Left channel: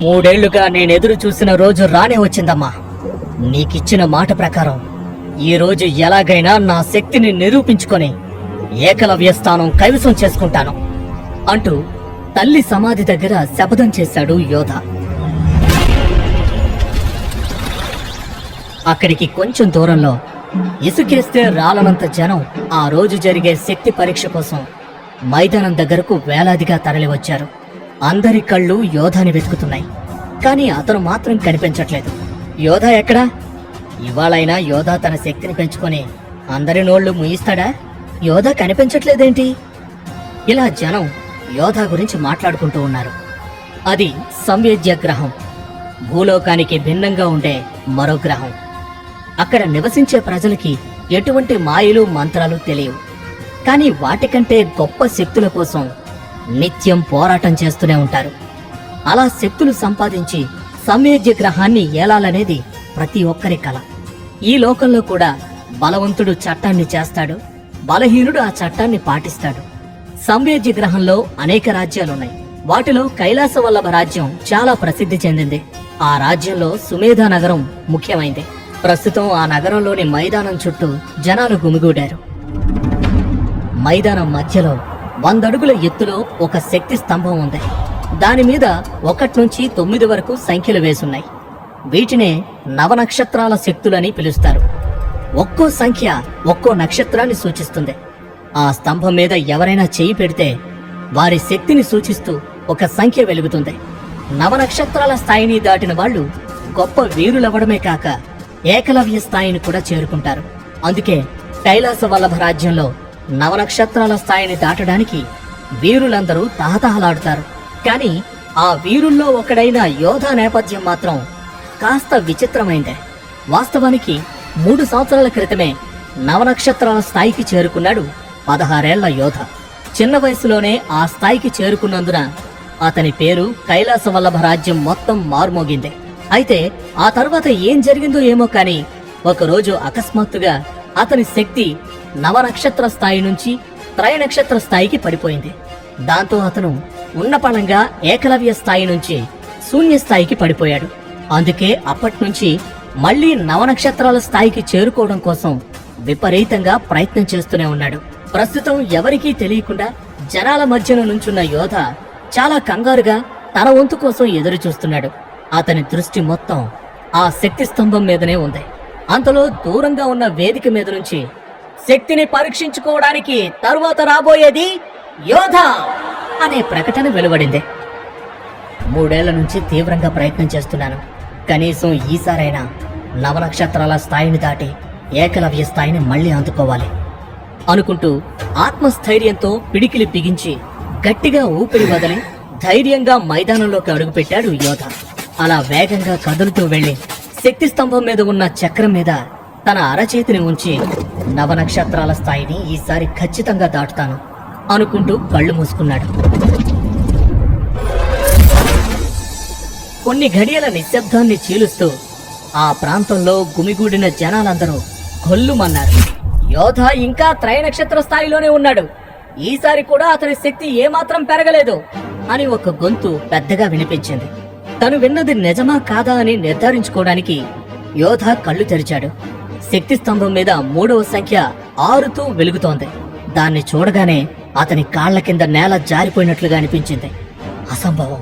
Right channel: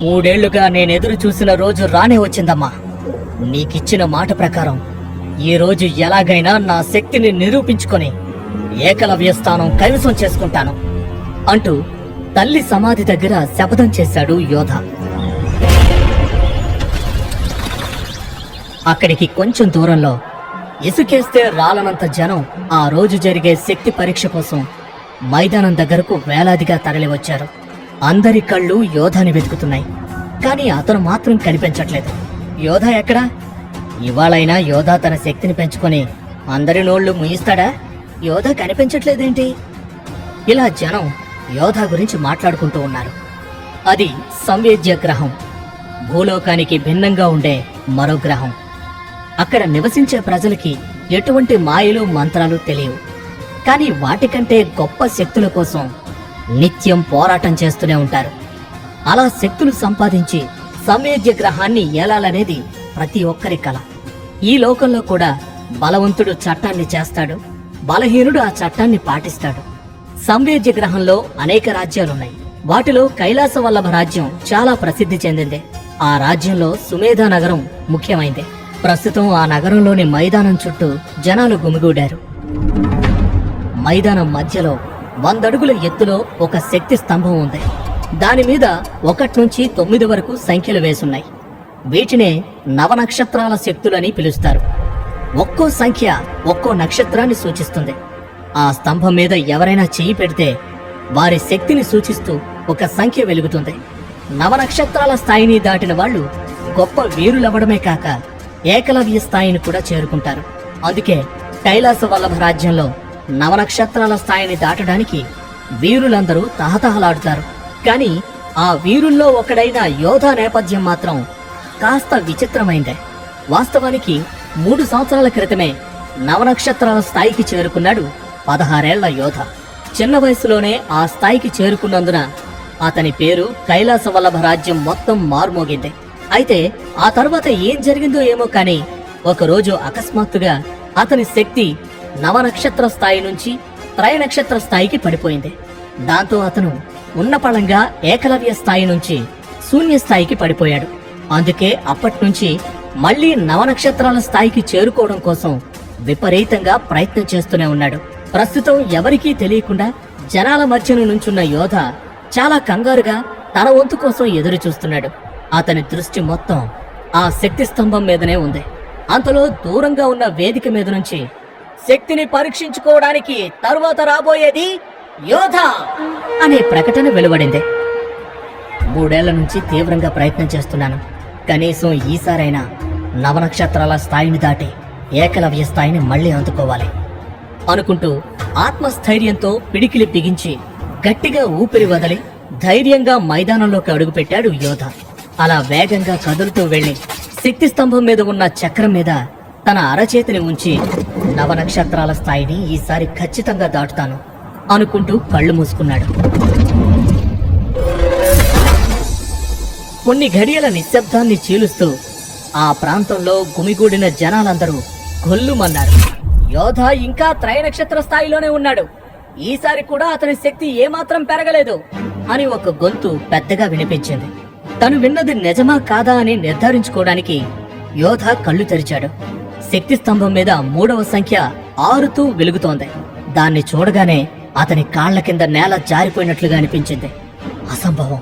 మూడేళ్లుగా నేనెదురు చూసిన రోజు రానే వచ్చిందమ్మా. నీకిచ్చిన మాట ప్రకారం ఈ రోజు ఎలాగైనా నా శక్తిని నిరూపించుకొని ఏకలవ్య స్థానం కైవసం చేసుకుంటాను అంటూ తల్లి సమాధి దగ్గర శపథం చేశాడు యోధ. అక్కడికి కొంచెం దూరంలో ఇసుకేస్తే రాలనంత జనం ఆ రోజు జరిగే శక్తి పరీక్ష కోసం మైదానం దగ్గరకు వేలాదిగా తరలివచ్చారు. అందరి కళ్ళు యోధాని వెతుకుతున్నాయి, కానీ అతను మాత్రం కనిపించట్లేదు. యోధ ఎక్కడా? ఇవాళైనా యోధ తన శక్తిని పెంచుకొని అందరి నోళ్లు ముయిస్తాడా? యోధ కనిపించట్లేదేంటి? ఇలా జనం యోధ గురించి మాట్లాడుకుంటూ ఉన్నారు. అది సంవేద్య గ్రహం, భూలోకానికి భిన్నంగా ఉండే మరో గ్రహం. అక్కడ నివసించే ప్రజలకి ఎటువంటి మాయలు మంత్రాలు తెలియవు, కానీ వాటికంటే గొప్ప శక్తుల కోసం నిత్యం పోరాటం చేస్తూనే ఉంటారు. అలా శక్తులు సంపాదించి సంవేద్య గ్రహాన్ని ఏలాలనేది ప్రతి ఒక్కరి కల. ఈ లోకంలో కూడా బలవంతుడు చట్టాన్ని చేస్తాడు, బలహీనుడు ఆ చట్టాన్ని పాటిస్తాడు. సంవేద్య గ్రహంలో అనేక రాజ్యాలున్నాయి. వాటిలో కైలాసవల్లభ రాజ్యం చాలా ప్రసిద్ధి చెందింది. ఆ రాజ్యంలో సుమేధ నగరం ముఖ్యమైంది. ప్రస్తుతం ఆ నగరంలోని మైదానం చుట్టూ జనాలు గుమిగూడారు. మైదానం మధ్యలో 100 అడుగుల ఎత్తులో ఒక శక్తి స్తంభం ఉంది. దాని మీద 1 నుంచి 9 వరకు సంఖ్యలు వేసున్నాయి. వీటినే నవనక్షత్రాల శక్తులని పిలుస్తారు. ఒక్కో సంఖ్య ఒక్కో నక్షత్రాన్ని సూచిస్తుంది. ఆ స్తంభం మీద ఎవరైనా చేయి పెడితే వారి శక్తిని సూచిస్తూ ఒక సంఖ్య వెలుగుతుంది. నవనక్షత్రాల స్థాయిని దాటిన వాళ్ళు గొప్ప వీరులవ్వడమే కాక ఏకలవ్య స్థాయిని కూడా చేరుకుంటారు. అందుకే కైలాస వల్లభ రాజ్యంలో నవనక్షత్రాల స్థాయిని దాటడానికి వీరులందరూ తహతహలాడుతారు. కానీ ఆ వీరుల్లో ఒకడైన యోధ నేపథ్యం మాత్రం కాస్త విచిత్రమైందే. వాస్తవానికి 3 సంవత్సరాల క్రితమే నవనక్షత్రాల స్థాయికి చేరుకున్నాడు 16 ఏళ్ల యోధ. చిన్న వయసులోనే ఆ స్థాయికి చేరుకున్నందున అతని పేరు కైలాస వల్లభ రాజ్యం మొత్తం మార్మోగింది. అయితే ఆ తర్వాత ఏం జరిగిందో ఏమో కానీ ఒకరోజు అకస్మాత్తుగా అతని శక్తి నవనక్షత్ర స్థాయి నుంచి త్రైనక్షత్ర స్థాయికి పడిపోయింది. దాంతో అతను ఉన్నపళంగా ఏకలవ్య స్థాయి నుంచి శూన్య స్థాయికి పడిపోయాడు. అందుకే అప్పట్నుంచి మళ్లీ నవనక్షత్రాల స్థాయికి చేరుకోవడం కోసం విపరీతంగా ప్రయత్నం చేస్తూనే ఉన్నాడు. ప్రస్తుతం ఎవరికీ తెలియకుండా జనాల మధ్యన నుంచున్న యోధ చాలా కంగారుగా తన వంతు కోసం ఎదురు చూస్తున్నాడు. అతని దృష్టి మొత్తం ఆ శక్తి స్తంభం మీదనే ఉంది. అంతలో దూరంగా ఉన్న వేదిక మీద నుంచి శక్తిని పరీక్షించుకోవడానికి తరువాత రాబోయేది యోధ అనే ప్రకటన వెలువడింది. 3 ఏళ్ల నుంచి తీవ్రంగా ప్రయత్నం చేస్తున్నాను. కనీసం ఈసారైనా నవనక్షత్రాల స్థాయిని దాటి ఏకలవ్య స్థాయిని మళ్లీ అందుకోవాలి అనుకుంటూ ఆత్మస్థైర్యంతో పిడికిలి బిగించి గట్టిగా ఊపిరి వదిలి ధైర్యంగా మైదానంలోకి అడుగుపెట్టాడు యోధ. అలా వేగంగా కదులుతూ వెళ్లి శక్తి స్తంభం మీద ఉన్న చక్రం మీద తన అరచేతిని ఉంచి నవనక్షత్రాల స్థాయిని ఈసారి ఖచ్చితంగా దాటుతాను అనుకుంటూ కళ్ళు మూసుకున్నాడు. కొన్ని ఘడియల నిశ్శబ్దాన్ని చీలుస్తూ ఆ ప్రాంతంలో గుమిగూడిన జనాలందరూ గొల్లుమన్నారు. యోధ ఇంకా త్రైనక్షత్ర స్థాయిలోనే ఉన్నాడు, ఈసారి కూడా అతని శక్తి ఏమాత్రం పెరగలేదు అని ఒక గొంతు పెద్దగా వినిపించింది. తను విన్నది నిజమా కాదా అని నిర్ధారించుకోవడానికి యోధ కళ్ళు తెరిచాడు. శక్తి స్తంభం మీద 3వ సంఖ్య ఆరుతూ వెలుగుతోంది. దాన్ని చూడగానే అతని కాళ్ల కింద నేల జారిపోయినట్లుగా అనిపించింది. అసంభవం!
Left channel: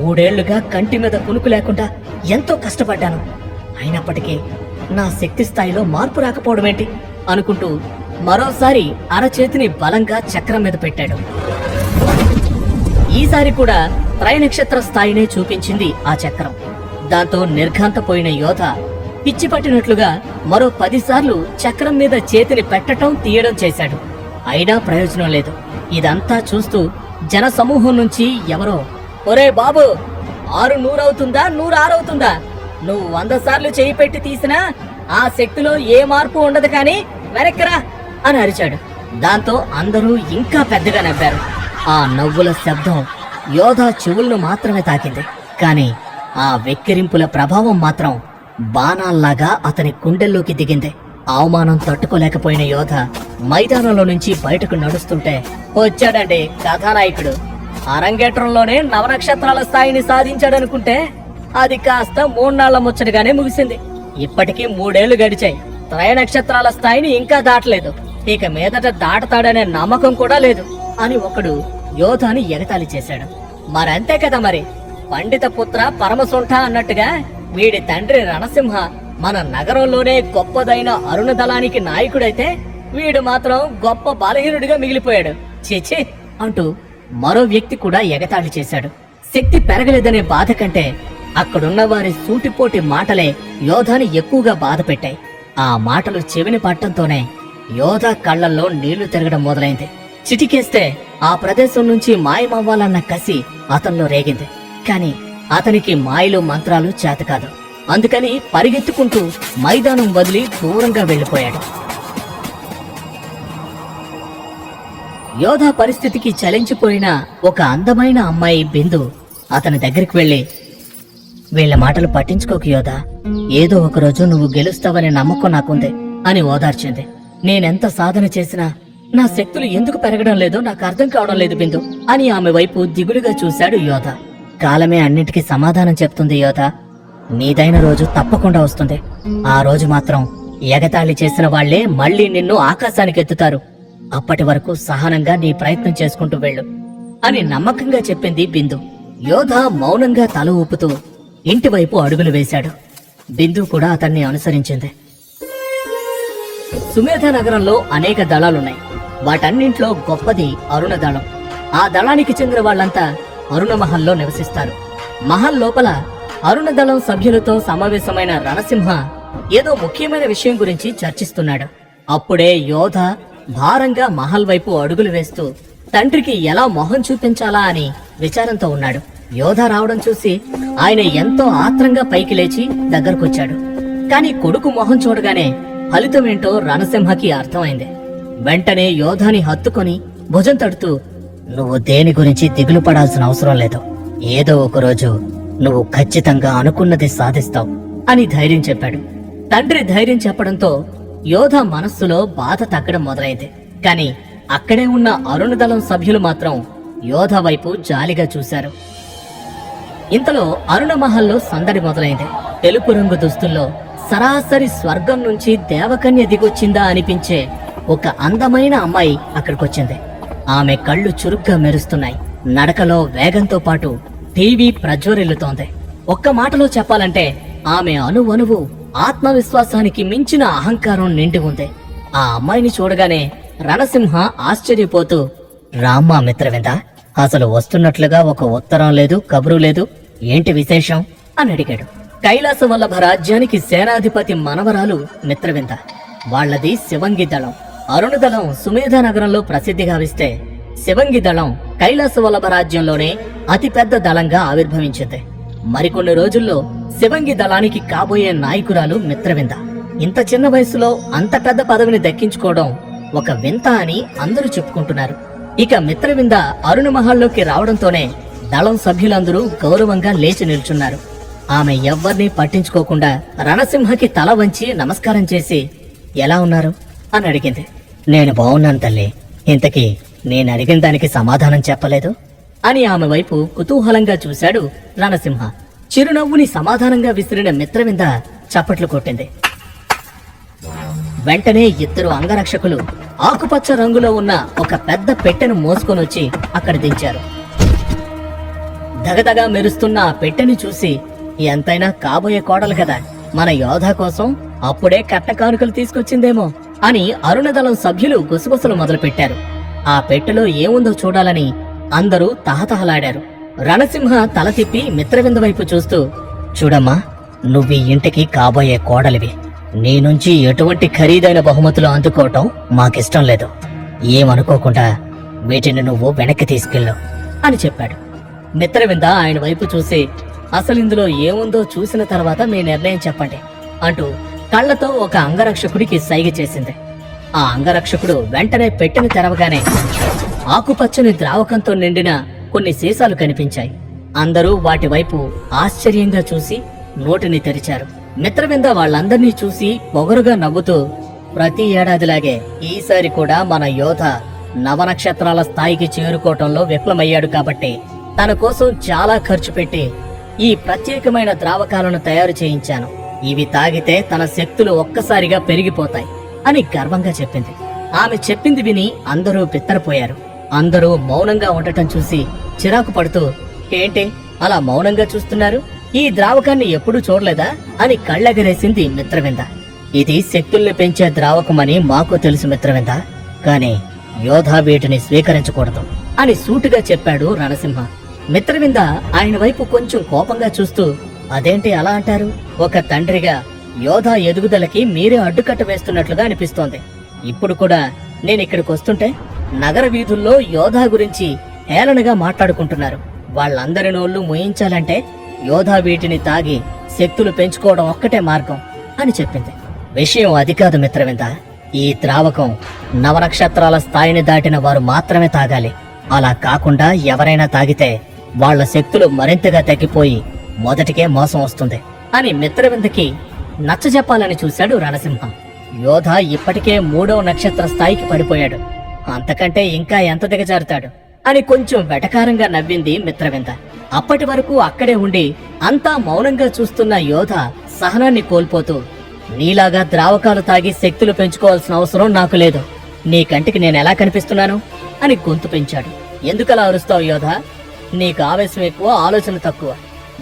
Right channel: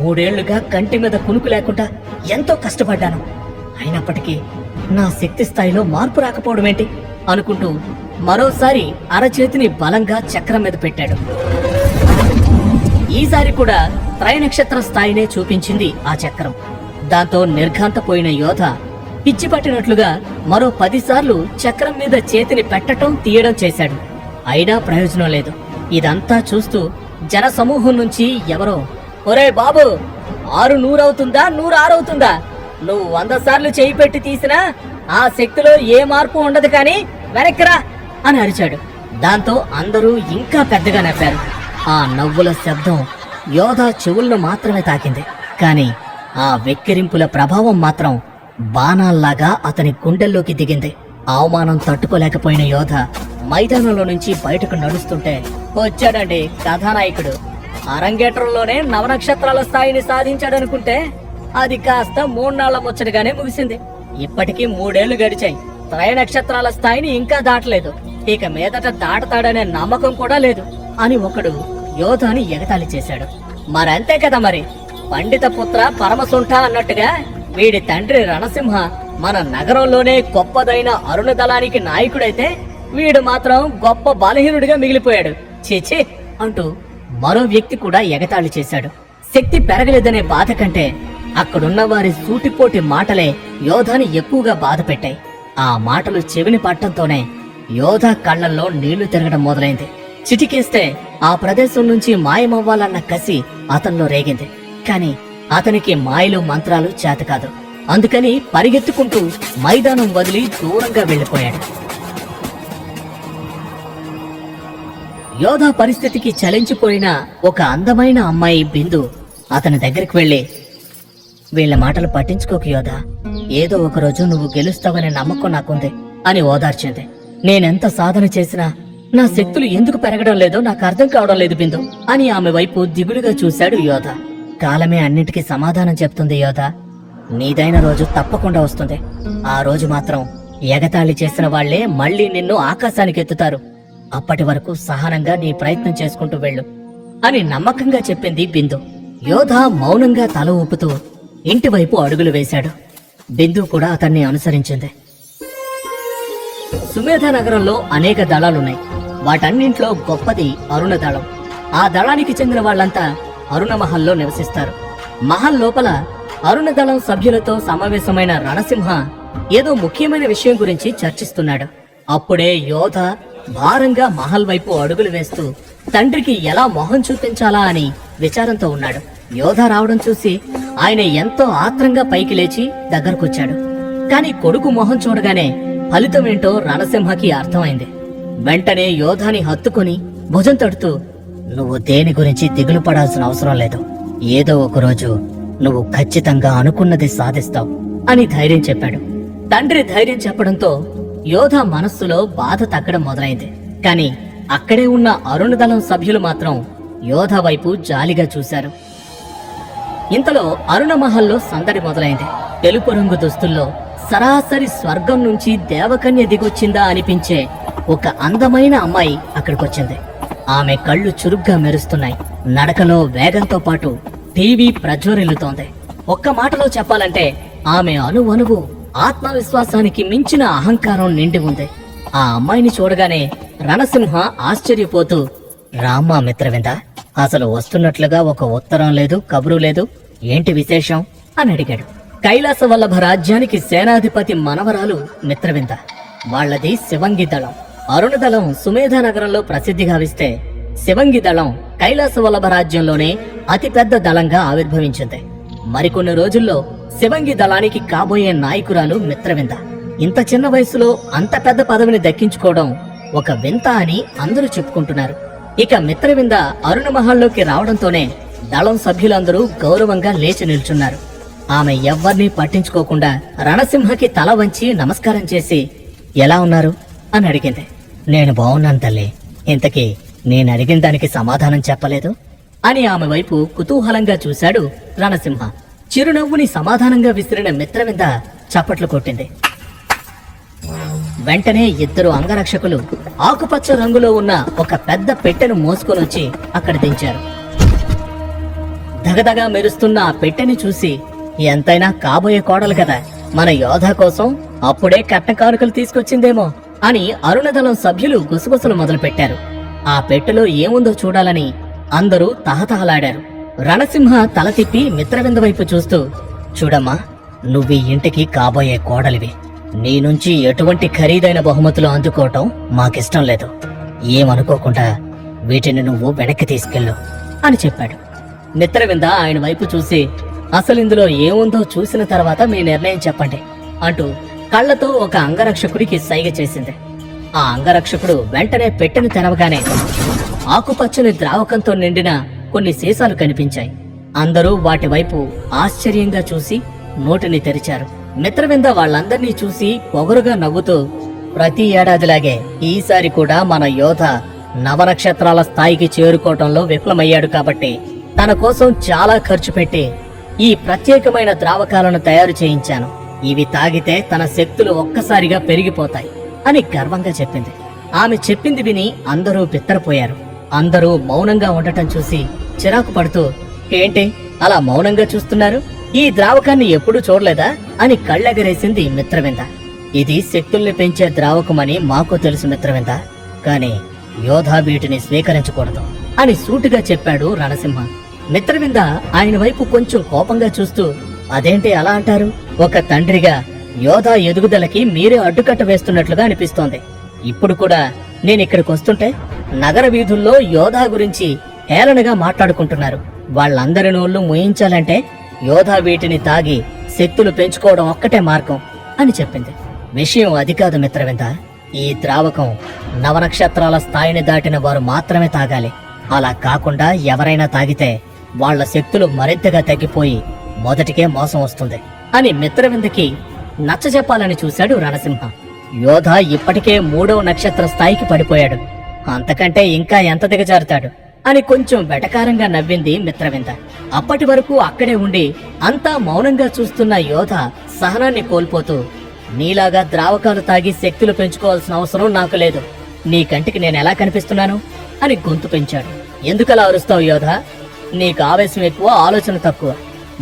3 ఏళ్లుగా కంటి మీద కునుకు లేకుండా ఎంతో కష్టపడ్డాను, అయినప్పటికీ నా శక్తి స్థాయిలో మార్పు రాకపోవడమేంటి అనుకుంటూ మరోసారి అరచేతిని బలంగా చక్రం మీద పెట్టాడు. ఈసారి కూడా త్రైనక్షత్ర స్థాయినే చూపించింది ఆ చక్రం. దాంతో నిర్ఘాంతపోయిన యోధ పిచ్చి పట్టినట్లుగా మరో 10 సార్లు చక్రం మీద చేతిని పెట్టడం తీయడం చేశాడు. అయినా ప్రయోజనం లేదు. ఇదంతా చూస్తూ జన సమూహం నుంచి ఎవరో, ఒరే బాబు, 6 100 అవుతుందా 100 6 అవుతుందా? నువ్వు 100 సార్లు చేయి పెట్టి తీసినా ఆ శక్తిలో ఏ మార్పు ఉండదు, కానీ వెనక్కిరా అని అరిచాడు. దాంతో అందరూ ఇంకా పెద్దగా నవ్వారు. ఆ నవ్వుల శబ్దం యోధ చెవులను మాత్రమే తాకింది, కానీ ఆ వెక్కిరింపుల ప్రభావం మాత్రం బాణాల్లాగా అతని గుండెల్లోకి దిగింది. అవమానం తట్టుకోలేకపోయిన యోధ మైదానంలో నుంచి బయటకు నడుస్తుంటే, వచ్చాడండి కథానాయకుడు అరంగేట్రంలోనే నవనక్షత్రాల స్థాయిని సాధించాడనుకుంటే అది కాస్త 3 నాళ్ల ముచ్చటగానే ముగిసింది. ఇప్పటికీ 3 ఏళ్లు గడిచాయి. త్రయ నక్షత్రాల స్థాయిని ఇంకా దాటలేదు. ఇక మీదట దాటతాడనే నమ్మకం కూడా లేదు అని ఒకడు యోధాని ఎగతాళి చేశాడు. మరంతే కదా మరి, పండిత పుత్ర పరమసుంఠ అన్నట్టుగా వీడి తండ్రి రణసింహ మన నగరంలోనే గొప్పదైన అరుణ దళానికి నాయకుడైతే వీడు మాత్రం గొప్ప బలహీనుడిగా మిగిలిపోయాడు. చీచి అంటూ మరో వ్యక్తి కూడా ఎగతాళి చేశాడు. శక్తి పెరగలేదనే బాధ కంటే అక్కడున్న వారి సూటిపోటి మాటలే యోధాని ఎక్కువగా బాధ పెట్టాయి. ఆ మాటలు చెవిని పట్టంతోనే యోధా కళ్లల్లో నీళ్లు తిరగడం మొదలైంది. చిటికేస్తే ఆ ప్రదేశం నుంచి మాయమవ్వాలన్న కసి అతనిలో రేగింది. కాని అతనికి మాయలో మంత్రాలు చేతకాదు. అందుకని పరిగెత్తుకుంటూ మైదానం వదిలి దూరంగా వెళ్లిపోయాడు. యోధా పరిస్థితికి చలించిపోయిన ఒక అందమైన అమ్మాయి బిందు అతని దగ్గరికి వెళ్లి, వీళ్ళ మాటలు పట్టించుకోకు యోధా, ఏదో ఒకరోజు నువ్వు గెలుస్తావనే నమ్మకం నాకుంది అని ఓదార్చింది. నేనెంత సాధన చేసినా నా శక్తులు ఎందుకు పెరగడం లేదో నాకు అర్థం కావడం లేదు బిందు అని ఆమె వైపు దిగులుగా చూశాడు యోధా. కాలమే అన్నిటికీ సమాధానం చెప్తుంది యోధా. నీదైన రోజు తప్పకుండా వస్తుంది. ఆ రోజు మాత్రం ఎగతాళి చేసిన వాళ్లే మళ్లీ నిన్ను ఆకాశానికి ఎత్తుతారు. అప్పటి వరకు సహనంగా నీ ప్రయత్నం చేసుకుంటూ వెళ్ళు అని నమ్మకంగా చెప్పింది బిందు. యోధా మౌనంగా తల ఊపుతూ ఇంటి వైపు అడుగులు వేశాడు. బిందు కూడా అతన్ని అనుసరించింది. సుమేధ నగరంలో అనేక దళాలున్నాయి. వాటన్నింట్లో గొప్పది అరుణ దళం. ఆ దళానికి చెందిన వాళ్లంతా అరుణ మహల్లో నివసిస్తారు. మహల్ లోపల అరుణ దళం సభ్యులతో సమావేశమైన రణసింహ ఏదో ముఖ్యమైన విషయం గురించి చర్చిస్తున్నాడు. అప్పుడే యోధ భారంగా మహల్ వైపు అడుగులు వేస్తూ తండ్రికి ఎలా మొహం చూపించాలా అని విచారంతో ఉన్నాడు. యోధ రావడం చూసి ఆయన ఎంతో ఆత్రంగా పైకి లేచి దగ్గరకొచ్చాడు. కాని కొడుకు మొహం చూడగానే ఫలితమేంటో రణసింహకి అర్థమైంది. వెంటనే యోధాని హత్తుకొని భుజం తడుతూ, నువ్వు దేని గురించి దిగులు పడాల్సిన అవసరం లేదు. ఏదో ఒకరోజు నువ్వు ఖచ్చితంగా అనుకున్నది సాధిస్తావు అని ధైర్యం చెప్పాడు. తండ్రి ధైర్యం చెప్పడంతో యోధ మనస్సులో బాధ తగ్గడం మొదలైంది. కాని అక్కడే ఉన్న అరుణదళం సభ్యులు మాత్రం యోధ వైపు జాలిగా చూశారు. ఇంతలో అరుణ మహల్లో సందడి మొదలైంది. తెలుపు రంగు దుస్తుల్లో సరాసరి స్వర్గం నుంచి దేవకన్య దిగొచ్చిందా అనిపించే ఒక అందమైన అమ్మాయి అక్కడికొచ్చింది. ఆమె కళ్ళు చురుగ్గా మెరుస్తున్నాయి. నడకలో వేగంతో పాటు టీవీ ప్రజ్వరిల్లుతోంది. ఒక్క మాటలో చెప్పాలంటే ఆమె అణువణువు ఆత్మవిశ్వాసానికి మించిన అహంకారం నిండి ఉంది. ఆ అమ్మాయిని చూడగానే రణసింహ ఆశ్చర్యపోతూ, రామ్మా మిత్రవింద, అసలు వస్తున్నట్లుగా ఒక ఉత్తరం లేదు, కబురు లేదు, ఏంటి విశేషం అని అడిగాడు. కైలాస వల్లభ రాజ్యానికి సేనాధిపతి మనవరాలు మిత్రవింద. వాళ్లది శివంగి దళం. అరుణ దళం సుమేధ నగరంలో ప్రసిద్ధి గావిస్తే శివంగి దళం కైలాస వల్లభ రాజ్యంలోనే అతిపెద్ద దళంగా ఆవిర్భవించింది. మరికొన్ని రోజుల్లో శివంగి దళానికి కాబోయే నాయకురాలు మిత్రవింద. ఇంత చిన్న వయసులో అంత పెద్ద పదవిని దక్కించుకోవడం ఒక వింత అని అందరూ చెప్పుకుంటున్నారు. ఇక మిత్రవింద అరుణ మహల్లోకి రావడంతోనే దళం సభ్యులందరూ గౌరవంగా లేచి నిల్చున్నారు. ఆమె ఎవ్వర్నీ పట్టించుకోకుండా రణసింహకి తల వంచి నమస్కారం చేసి, ఎలా ఉన్నారు అని అడిగింది. నేను బాగున్నాను తల్లి, ఇంతకీ నేను అడిగిన దానికి సమాధానం చెప్పలేదు అని ఆమె వైపు కుతూహలంగా చూశాడు రణసింహ. చిరునవ్వుని సమాధానంగా విసిరిన మిత్రవింద చప్పట్లు కొట్టింది. వెంటనే ఇద్దరు అంగరక్షకులు ఆకుపచ్చ రంగులో ఉన్న ఒక పెద్ద పెట్టెను మోసుకొనొచ్చి అక్కడ దించారు. దగదగా మెరుస్తున్న ఆ పెట్టెని చూసి, ఎంతైనా కాబోయే కోడలు కదా, మన యోధ కోసం అప్పుడే కట్న కానుకలు తీసుకొచ్చిందేమో అని అరుణదళం సభ్యులు గుసగుసలు మొదలుపెట్టారు. ఆ పెట్టెలో ఏముందో చూడాలని అందరూ తహతహలాడారు. రణసింహ తల తిప్పి మిత్రవింద వైపు చూస్తూ, చూడమ్మా, నువ్వు ఈ ఇంటికి కాబోయే కోడలివి. నీ నుంచి ఎటువంటి ఖరీదైన బహుమతులు అందుకోవటం మాకిష్టం లేదు. ఏమనుకోకుండా వీటిని నువ్వు వెనక్కి తీసుకెళ్ళు అని చెప్పాడు. మిత్రవింద ఆయన వైపు చూసి, అసలు ఇందులో ఏముందో చూసిన తర్వాత మీ నిర్ణయం చెప్పండి అంటూ కళ్లతో ఒక అంగరక్షకుడికి సైగ చేసింది. ఆ అంగరక్షకుడు వెంటనే పెట్టెను తెరవగానే ఆకుపచ్చని ద్రావకంతో నిండిన కొన్ని సీసాలు కనిపించాయి. అందరూ వాటి వైపు ఆశ్చర్యంగా చూసి నోటిని తెరిచారు. మిత్రవింద వాళ్ళందర్నీ చూసి పొగరుగా నవ్వుతూ, ప్రతి ఏడాదిలాగే ఈసారి కూడా మన యోధ నవనక్షత్రాల స్థాయికి చేరుకోవటంలో విఫలమయ్యాడు కాబట్టి తన కోసం చాలా ఖర్చు పెట్టి ఈ ప్రత్యేకమైన ద్రావకాలను తయారు చేయించాను. ఇవి తాగితే తన శక్తులు ఒక్కసారిగా పెరిగిపోతాయి అని గర్వంగా చెప్పింది. ఆమె చెప్పింది విని అందరూ బిత్తరపోయారు. అందరూ మౌనంగా ఉండటం చూసి చిరాకు పడుతూ, ఏంటి అలా మౌనంగా చూస్తున్నారు? ఈ ద్రావకాన్ని ఎప్పుడూ చూడలేదా అని కళ్ళెగరేసింది మిత్రవింద. ఇది శక్తుల్ని పెంచే ద్రావకమని మాకు తెలుసు మిత్రవింద, కానీ యోధ వీటిని స్వీకరించకూడదు అని సూటిగా చెప్పాడు రణసింహ. మిత్రవింద ఆయన వైపు కొంచెం కోపంగా చూస్తూ, అదేంటి అలా అంటారు? ఒక తండ్రిగా యోధ ఎదుగుదలకి మీరే అడ్డుకట్ట వేస్తున్నట్లుగా అనిపిస్తోంది. ఇప్పుడు కూడా నేను ఇక్కడికి వస్తుంటే నగర వీధుల్లో యోధ గురించి హేళనగా మాట్లాడుకుంటున్నారు. వాళ్ళందరి నోళ్లు మోయించాలంటే యోధ వీటిని తాగి శక్తులు పెంచుకోవడం ఒక్కటే మార్గం అని చెప్పింది. విషయం అది కాదు మిత్రవింద, ఈ ద్రావకం నవనక్షత్రాల స్థాయిని దాటిన వారు మాత్రమే తాగాలి. అలా కాకుండా ఎవరైనా తాగితే వాళ్ల శక్తులు మరింతగా తగ్గిపోయి మొదటికే మోసం వస్తుంది అని మిత్రవిందకి నచ్చజెప్పాలని చూశాడు రణసింహ. యోధ ఇప్పటికే 3వ నక్షత్ర స్థాయికి పడిపోయాడు, అంతకంటే ఇంకా ఎంత దిగజారుతాడు అని కొంచెం వెటకారంగా నవ్వింది మిత్రవింద. అప్పటి వరకు అక్కడే ఉండి అంతా మౌనంగా చూస్తున్న యోధ సహనాన్ని కోల్పోతూ, నీలాగా ద్రావకాలు తాగి శక్తులు పెంచుకోవాల్సిన అవసరం నాకు లేదు. నీ కంటికి నేను ఎలా కనిపిస్తున్నాను అని గొంతు పెంచాడు. ఎందుకలా అరుస్తావు యోధ? నీకు ఆవేశం ఎక్కువ, ఆలోచన తక్కువ.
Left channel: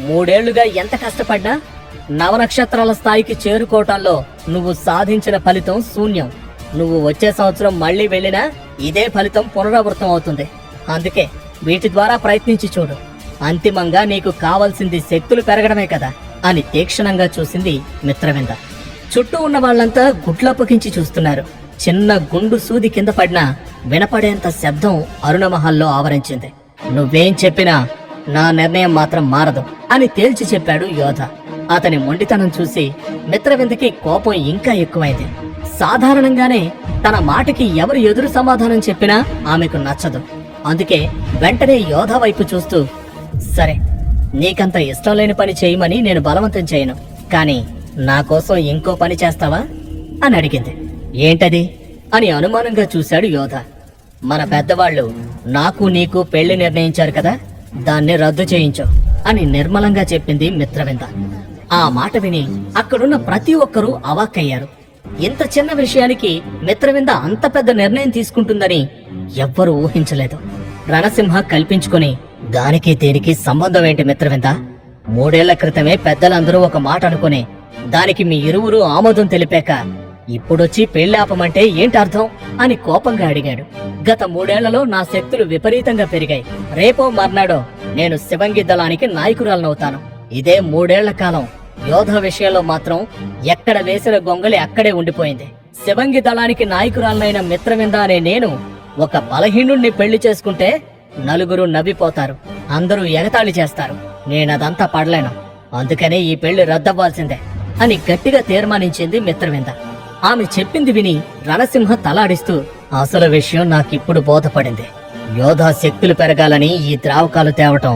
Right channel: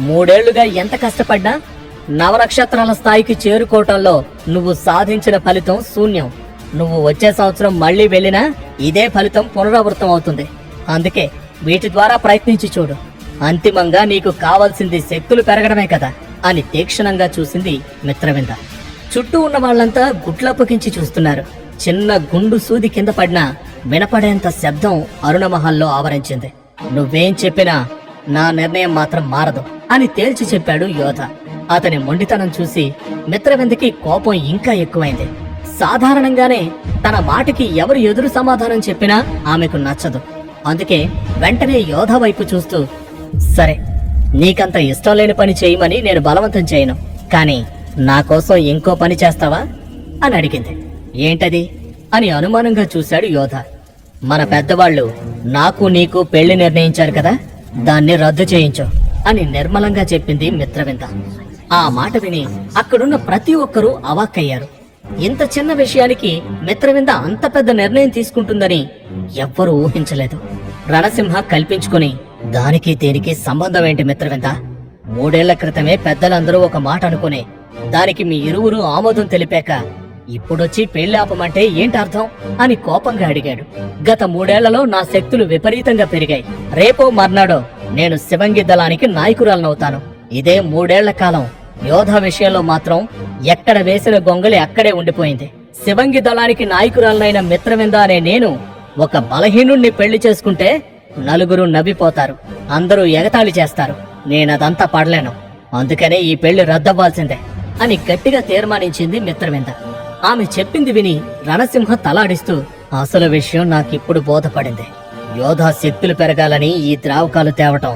3 ఏళ్లుగా ఎంత కష్టపడ్డా నవనక్షత్రాల స్థాయికి చేరుకోవటంలో నువ్వు సాధించిన ఫలితం శూన్యం. నువ్వు వచ్చే సంవత్సరం మళ్లీ వెళ్ళినా ఇదే ఫలితం పునరావృతం అవుతుంది. అందుకే వీటి ద్వారా ప్రయత్నించి చూడు. అంతిమంగా నీకు కావాల్సింది శక్తులు పెరగడమే కదా అని తీక్షణంగా చూసింది మిత్రవింద. చుట్టూ ఉన్న వాళ్ళంతా గుడ్లప్పకించి చూస్తున్నారు. చిన్న గుండు సూది కింద పడినా వినపడేంత శబ్దం అరుణమహల్లో ఆవరించింది. నువ్వేం చెప్పినా నా నిర్ణయం మాత్రం మారదు అని తేల్చి చెప్పాడు యోధ. అతని మొండితనం చూసి మిత్రవిందకి కోపం ఇంకా ఎక్కువైంది. సాధారణంగానే తన మాటకి ఎవరు ఎదురు సమాధానం చెప్పినా ఆమెకు నచ్చదు. అందుకే వెంటనే యోధ వైపు చూస్తూ, సరే నీకంత ఇష్టం లేని పని చేయమని నేను బలవంతం చేయను, కానీ నా కోసం ఇంకో పని చేస్తావా అని అడిగింది. ఏంటది అని అనుమానంగా చూశాడు యోధ. మన పెద్దవాళ్ళు నాకు నీకు పెళ్లి నిర్ణయించారు కదా, దాన్ని రద్దు చేయించు అని నిర్మలంగా చెప్పింది మిత్రవింద. ఆ మాట విని అక్కడున్న ప్రతి ఒక్కరూ అవాక్కయ్యారు. ఇంత చిన్న విషయానికి మిత్రవింద అంత పెద్ద నిర్ణయం తీసుకుంటుందని ఎవ్వరూ ఊహించలేదు. రణసింహ కల్పించుకొని, దానికి దీనికి సంబంధం ఏంటి మిత్రవింద? 3 ఏళ్ల క్రితమే పెద్దలందరూ ఒక మాట అనుకుని దానికి మీ ఇరువురు ఆమోదం తెలిపాక ఇప్పుడొచ్చి పెళ్లి ఆపమంటే ఏంటి అర్థం అని కోపంగా అడిగాడు. గత 3 ఏళ్లలో నా శక్తులు విపరీతంగా పెరిగాయి. రేపో మర్నాడో నేను శివంగి దళానికి నాయకురాలనవుతాను. ఇదే 3 ఏళ్ల కాలం యోధ విషయంలో మాత్రం ఎక్కడ వేసిన గొంగళి అక్కడే ఉండిపోయింది. శివంగి దళానికి నాయకురాలనైన మిత్రవింద అనే నేను ఒక బలహీనుణ్ణి పెళ్లి చేసుకుంటే నలుగురు నవ్విపోతారు, అందరూ ఎగతాళి చేస్తారు. నేనదంతా పడలేను. అందుకనే ఈ పెళ్లి రద్దవ్వాల్సిందే అని గట్టిగా తీర్మానించింది మిత్రవింద. ఆమె చెప్పింది విని రణసింహ తలాడిస్తూ, అసలు విషయం నాకిప్పుడు బోధపడింది. యోధా శక్తులు పెరగాలని ఈ ద్రావకాలు తేవటం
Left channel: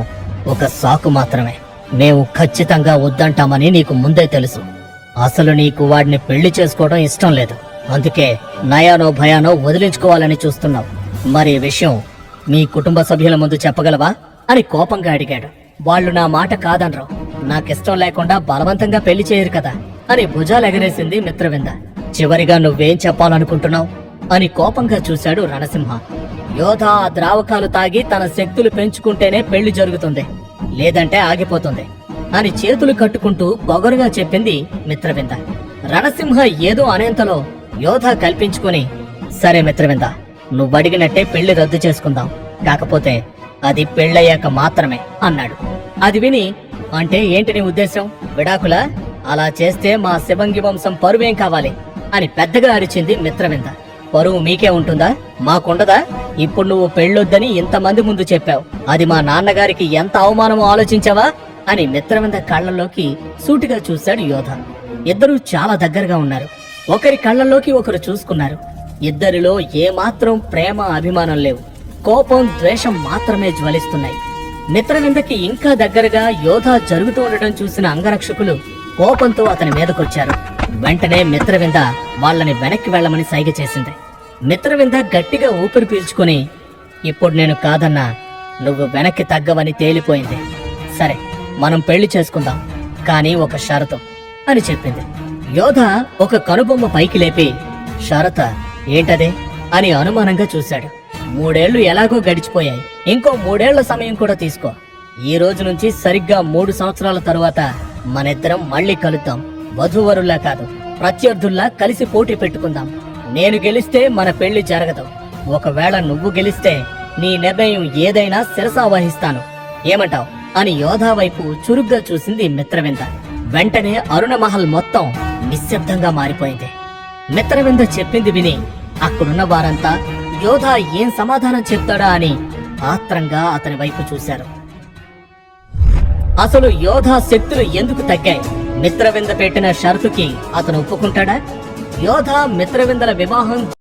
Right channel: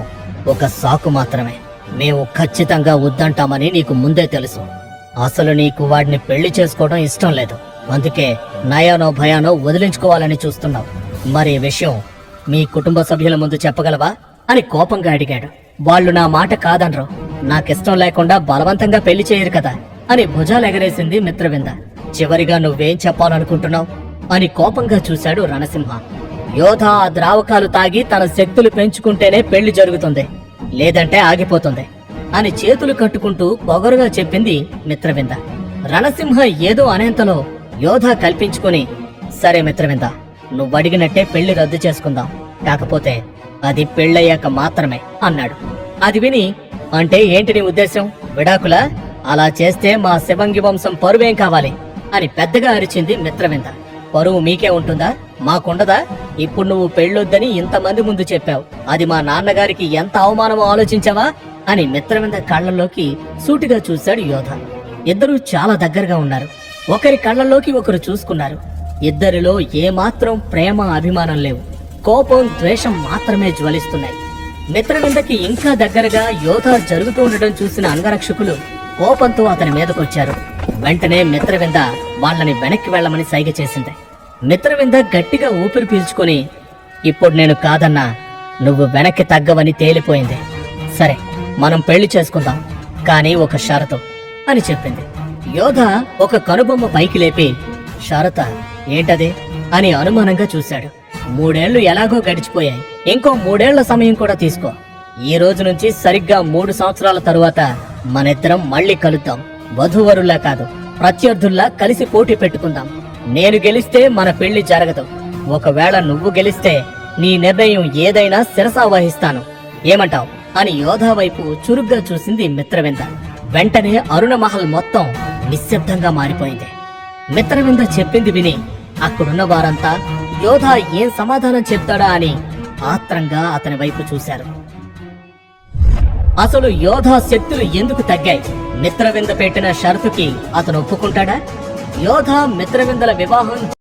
ఒక సాకు మాత్రమే. మేము ఖచ్చితంగా వద్దంటామని నీకు ముందే తెలుసు. అసలు నీకు వాడిని పెళ్లి చేసుకోవడం ఇష్టం లేదు. అందుకే నయానో భయానో వదిలించుకోవాలని చూస్తున్నావు. మరి ఈ విషయం మీ కుటుంబ సభ్యుల ముందు చెప్పగలవా అని కోపంగా అడిగాడు. వాళ్ళు నా మాట కాదనరు, నాకిష్టం లేకుండా బలవంతంగా పెళ్లి చేయరు కదా అని భుజాలెగరేసింది మిత్రవింద. చివరిగా నువ్వేం చెప్పాలనుకుంటున్నావు అని కోపంగా చూశాడు రణసింహ. యోధ ఆ ద్రావకాలు తాగి తన శక్తులు పెంచుకుంటేనే పెళ్లి జరుగుతుంది, లేదంటే ఆగిపోతుంది అని చేతులు కట్టుకుంటూ పొగరుగా చెప్పింది మిత్రవింద. రణసింహ ఏదో అనేంతలో యోధ కల్పించుకొని, సరే మిత్రవింద, నువ్వడిగినట్టే పెళ్లి రద్దు చేసుకుందాం, కాకపోతే అది పెళ్ళయ్యాక మాత్రమే అన్నాడు. అది విని, అంటే ఏంటి నీ ఉద్దేశం? విడాకులా? అలా చేస్తే మా శివంగి వంశం పరువేం కావాలి అని పెద్దగా అరిచింది మిత్రవింద. పరువు మీకే ఉంటుందా, మాకుండదా? ఇప్పుడు నువ్వు పెళ్ళొద్దని ఇంతమంది ముందు చెప్పావు, అది మా నాన్నగారికి ఎంత అవమానమో ఆలోచించావా అని మిత్రవింద కళ్ళల్లోకి సూటిగా చూశాడు యోధ. ఇద్దరూ చాలా దగ్గరగా ఉన్నారు. ఒకరి కళ్ళల్లోకి ఒకరు చూసుకున్నారు. ఇద్దరిలో ఏమాత్రం ప్రేమ అభిమానం లేవు, కోపం ద్వేషం మాత్రమే జ్వలిస్తున్నాయి. మిత్రవిందకి ఇంకా దగ్గరగా యోధ జరుగుతూ ఉండడం చూసిన అంగరక్షకులు కోపంతో అతని మీదకొచ్చారు. వెంటనే మిత్రవింద వాళ్ళని వెనక్కి వెళ్లమని సైగ చేసింది. మిత్రవింద గట్టిగా ఊపిరి పీల్చుకొని, ఇప్పుడు నేను కాదన్నా నువ్వు వెనక్కి తగ్గవని తేలిపోయింది. సరే, మనం పెళ్లి చేసుకుందాం, కానీ ఒక షరతు అని చెప్పింది. యోధ ఒక కనుబొమ్మ పైకి లేపి, షరత ఏంటదే అని అనుమానంగా చూశాడు. 3 ఏళ్లు ఎలాగో గడిచిపోయాయి, ఇంకో 3 ఏళ్ల సమయం కూడా తీసుకో. ఈ రోజు నుంచి సరిగ్గా 3 సంవత్సరాల తరువాత మనిద్దరం మళ్ళీ కలుద్దాం. వధూవరుల్లా కాదు, ప్రత్యర్థుల్లా కలిసి పోటీ పెట్టుకుందాం. నేను గెలిస్తే మన పెళ్లి జరగదు. ఒకవేళ నువ్వు గెలిస్తే నీ నిర్ణయం ఏదైనా శిరసావహిస్తాను. ఏమంటావ్ అని యోధ వైపు చురుగ్గా చూసింది మిత్రవింద. వెంటనే అరుణమహల్ మొత్తం నిశ్శబ్దంగా మారిపోయింది. మిత్రవింద చెప్పింది విని అక్కడున్న వారంతా యోధ ఏం సమాధానం చెప్తాడా అని ఆత్రంగా అతని వైపు చూశారు. అసలు యోధ శక్తులు ఎందుకు తగ్గాయి? మిత్రవింద పెట్టిన షరతుకి అతను ఒప్పుకుంటాడా? యోధ మిత్రవిందల వివాహం